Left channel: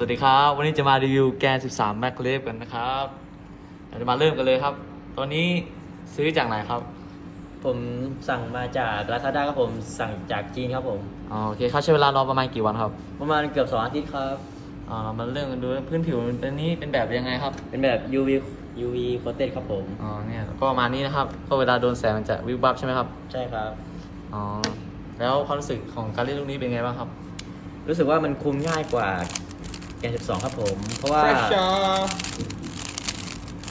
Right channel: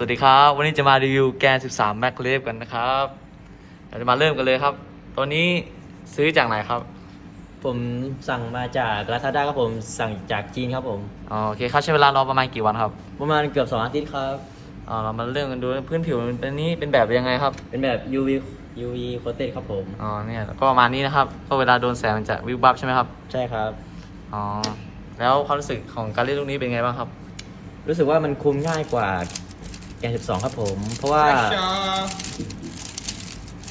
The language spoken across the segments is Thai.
สวัสดีครับ วันนี้จะมารีวิวแกน 13 Mac l a v กันนะครับเราจะมาเริ่มกันเลยครับ ตัวนี้ซื้อจากไหนครับ ผมสั่งมาจาก Lazada ครับผมสั่งจากจีนครับผมอ๋อโอเคครับใช้เวลารอประมาณกี่วันครับประมาณเกือบสองอาทิตย์ครับอ๋อเรามาเริ่มกันดูพื้นผิวมันเป็นนี้เป็นแบบยังไงครับ เป็นแบบ UV UV coated ครับผมอ๋อเนี่ยก็ประมาณนี้นะครับก็เวลาโดนแสงมันจะวิบวับใช่ไหมครับใช่ครับอ๋อแล้วความรู้สึกของการเล่นลูกนี้เป็นไงบ้างครับ รู้สึกว่ามันคุมง่ายกว่า แกน12ครับผม เพราะว่า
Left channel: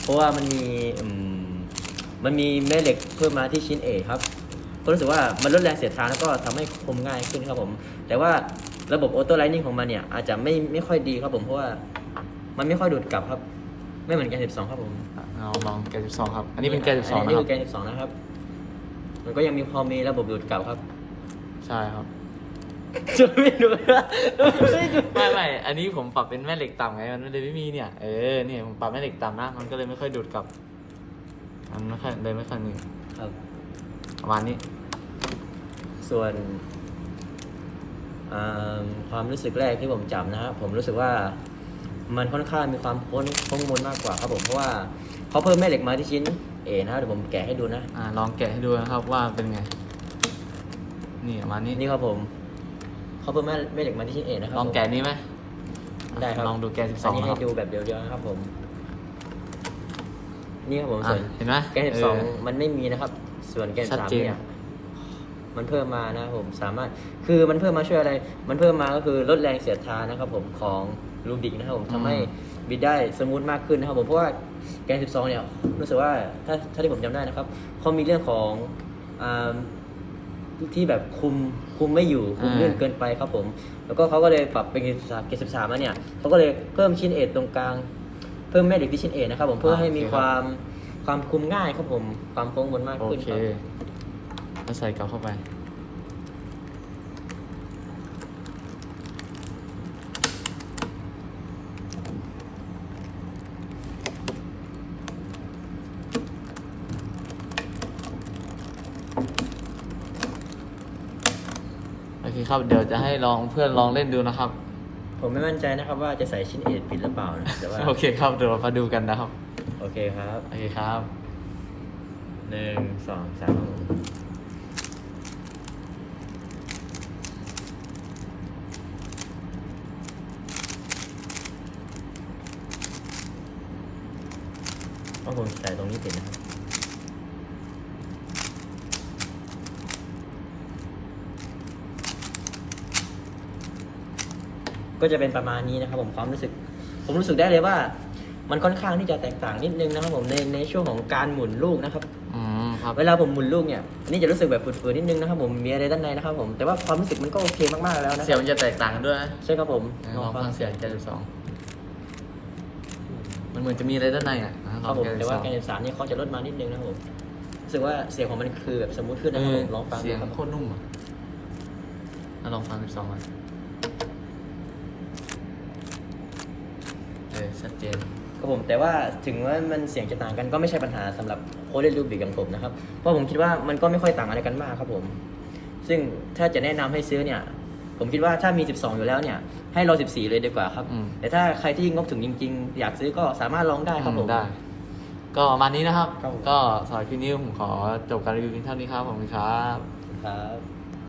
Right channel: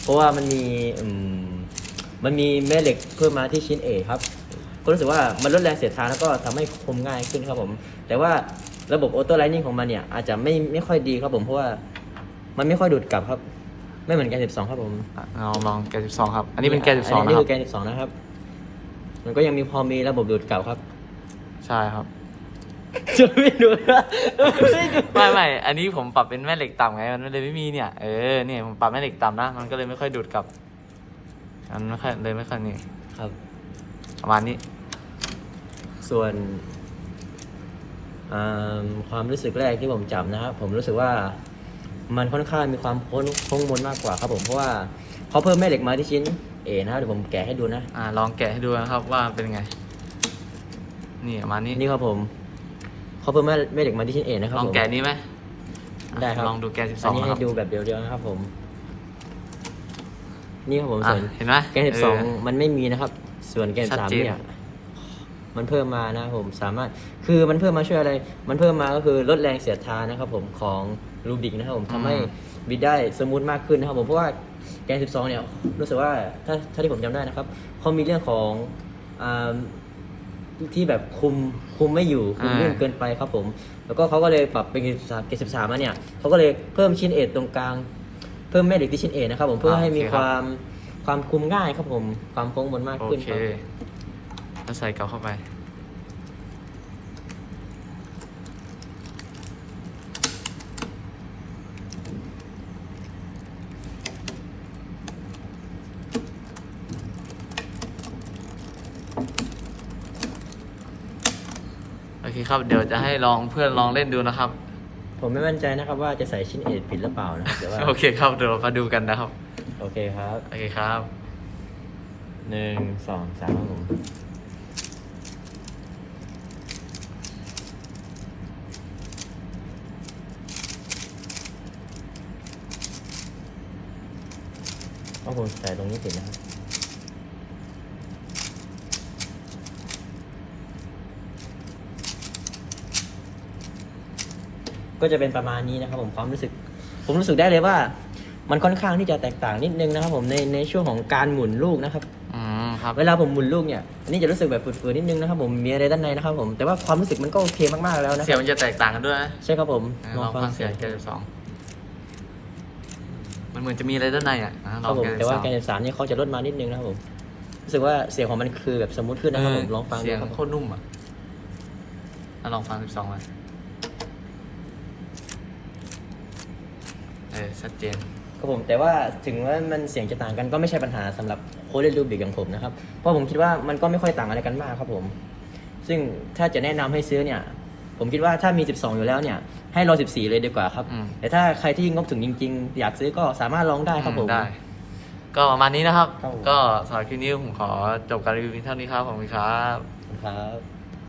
เพราะว่ามันมีอืมมันมีแม่เหล็กเพิ่มมาที่ชิ้นเอกครับก็รู้สึกว่ามันลดแรงเสียดทานแล้วก็ทำให้คุมง่ายขึ้นครับผม แต่ว่าระบบออโต้ไลนิ่งของมันเนี่ย อาจจะไม่ไม่ค่อยดีครับผมเพราะว่ามันไม่ค่อยดูดกลับครับ ไม่เหมือนแกน12ครับผม อะเราลองแกน12ครับ อันนี้เป็นแกน12นะคนี่รับคือแกน12นะครับ มันก็ยังมีพอมีระบบดูดกลับครับ ใช่ครับ จะไม่ดูดนะไม่ไม่อันนี้ผมปรับเป็นแม่เหล็กต่ำไง มันเลยไม่มีเนี่ย เออ เนี่ยผมปรับแม่เหล็กต่ำนะ มันก็เลยไม่ค่อยดูดกลับ มันไม่ค่อยเลยไม่ค่อยนี่ครับประมาณนี้ ส่วนอ่าความรู้สึกแรกที่ผมจำนะครับ ผมรู้สึกว่ามันค่อนข้างมีความโค้งโค้งมนมากกว่าครับผมเพราะว่าเขาเพิ่มแม่เหล็กมาที่ชิ้นเอนะครับเดี๋ยวผมแกะให้ดูนะ อ่า ลองแกะให้ดูนะครับว่าเป็นไง นี่ประมาณนี้ นี่ครับผม เขาเพิ่มแม่แม่เหล็กมาที่ชิ้นเอนะครับลองผมแกะนี้ไหมได้ครับลองดูแกะอัน12นี้นะคให้รับดูแบบเดียวๆนะครับผม นี่ครับผมอะส่วนเห็นไหมแกนสิบเอสองอมันไม่มีนะครับ ส่วนแกนชัดสามเจน เนี่ยมันเพิ่มมานะครับผมสามารถคือมันเพิ่มมาช่วยอะไร มันเพิ่มมาก็คือลดแรงเสียดทานนะครับผมของลูบิกนะครับผมทำให้บิดได้สมูทมากขึ้นนะครับผมเพราะว่าแกน12 เนี่ยรู้สึกว่าถ้าถ้าที่ผมจำได้นะครับเขามีเรื่องของอ่า ที่แบบคุมคุมไม่อยู่คุมลื่นเกินไปครับผม แล้วก็เขาก็เลยปรับเป็นเกน13เกน13มาเนี่ยเขาก็เลยเพิ่มชิ้นเอทตรงกลาง เพิ่มแม่เหล็กที่ชิ้นเอนะครับผมเพื่อให้มีความความคุมง่ายครับผม ความโค้งมนมากโอขึ้นเคครับแล้วใส่กลับเข้าไป เคครับ เดี๋ยวจะให้ลองเพื่อนลองเล่นดูนะครับ ผมไม่มั่นใจนะครับว่าจะใส่ชิ้นเอทผิดหรือเปล่านะเดี๋ยวว่าโอเคครับ เดี๋ยวเรามาดูกันนะครับ โอเคครับโอเคครับ หนึ่งสองสามต้องผมใส่ตรงนี้ติดนะครับ ก็จะเป็นประมาณนี้นะครับผมความรู้สึก ผมรู้สึกได้เลยว่า มันค่อนข้างที่จะแตกต่างนิดนึงนะครับผมในในช่วงของการหมุนลูกนะครับ อืมครับ เวลาผมหมุนลูกเนี่ยอันนี้จะรู้สึกแบบฝืดๆนิดนึงนะครับผมมีอะไรด้านในนะครับผมแต่ว่าความรู้สึกมันก็โอเคมากๆแล้วนะเสียงมันจะแตกต่างกันด้วยนะใช่ครับผมอะลองฟังเสียงแกนสองมันเหมือนจะมีอะไรด้านในอะนะคลรัอบงผมแกนแต่สว่าองแกนสามเนี่ยเขาจะลดมานิดนึงนะครับผมรู้สึกว่าเสียงของมันคือแบบสมูทขึ้นเอนะครับอผมลองฟังดูเสียงโคตรนุ่มอะอะลองฟังสิบสองเลย เออชัดเจนครับผมแต่ว่าถึงว่ามันเสียงจะต่างกันก็ไม่ใช่ปัญหาสำหรับโค้ดเล่นรูบิกอย่างผมนะครับ เพราะผมคิดว่ามันก็ไม่ค่อยต่างอะไรกันมากครับผม ซึ่งถ้าจะแนะนำให้ซื้อเนี่ย ผมคิดว่าถ้ามี 12 อยู่แล้วเนี่ย ให้รอ14 เลยดีกว่าครับ อืม แต่ถ้าใครที่งบถึงจริง ๆ อยากซื้อก็สามารถลองได้ครับผม ได้ ก็ประมาณนี้นะครับ ครับผม ก็สำหรับคลิปนี้ผมขอจบการรีวิวเพียงเท่านี้ครับผมครับ ครับ